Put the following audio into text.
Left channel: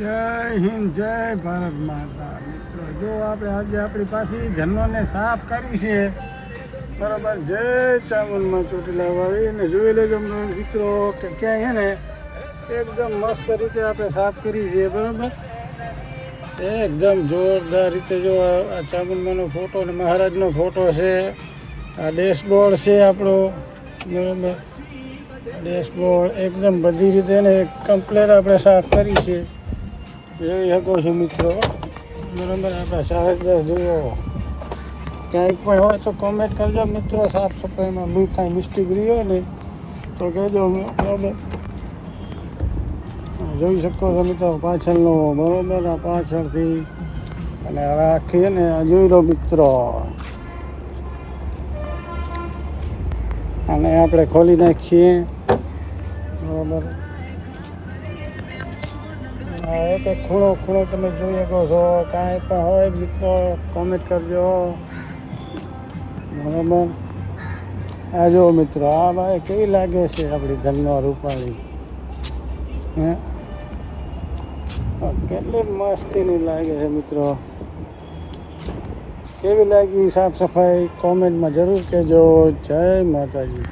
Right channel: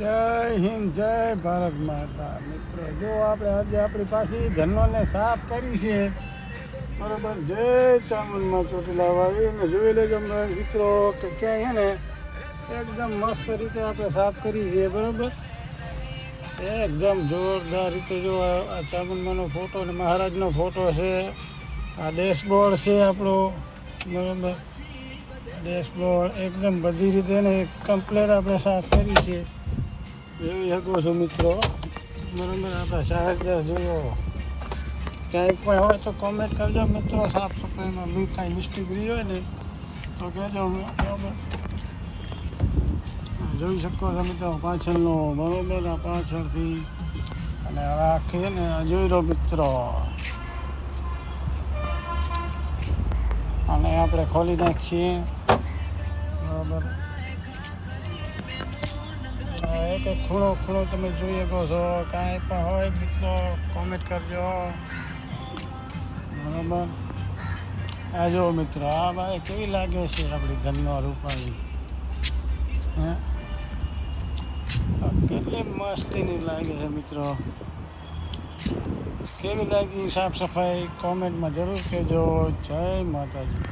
જય હિન્દ, જય ભારત માતા. જો આપણે આજે આપણી પાસે જન્મોને સાફ કરી છે, બરાબર. જય ચામુંડમાં ચોટીલા વાળી ને જોઈ લેજો મિત્રો કે ક્યાંય છે ને એકદમ મસ્ત રીતે આપણે સાફ કરી છે, બરાબર. એકદમ જોરદાર રીતે. જો આ ચામુંડમાનો ફોટો અને મહારાજનો ફોટો છે. આ ડેશબોર્ડ છે આપણો, બરાબર. ડેશબોર્ડ એકદમ બધી રીતે ને કમ્પ્લેટ આપણે સાફ કરી છે, જોઈ શકો છો મિત્રો, બરાબર. આપણા સાહેબદાર જોયો ક્યાંય પણ હોય તો કોમેન્ટ કરજો મિત્રો. સાફ સફાઈમાં બહુ કાંઈ મિસ્ટેક રહી હોય ને તો કહેજો, બરાબર. જોઈ શકો છો મિત્રો પાછળનો, બરાબર. આ પાછળથી અને રાખીએ ને જોઈ લો મિત્રો. અને આપણે ખોલી નાખીએ, બરાબર. એક એક ખૂણો ખૂણો તમે જોઈ શકો છો. કાંઈ પણ હોય મિત્રો કોમેન્ટ કરજો, બરાબર. આ જો મિત્રો, આ ભાઈ કેવી લાગે છે આપણી ધનનો રૂપાળી, હે? કેટલી મસ્તીની લાગે છે મિત્રો. કેવી લાગી સાફ સફાઈ કોમેન્ટમાં જરૂર કહેજો. જય માતાજી.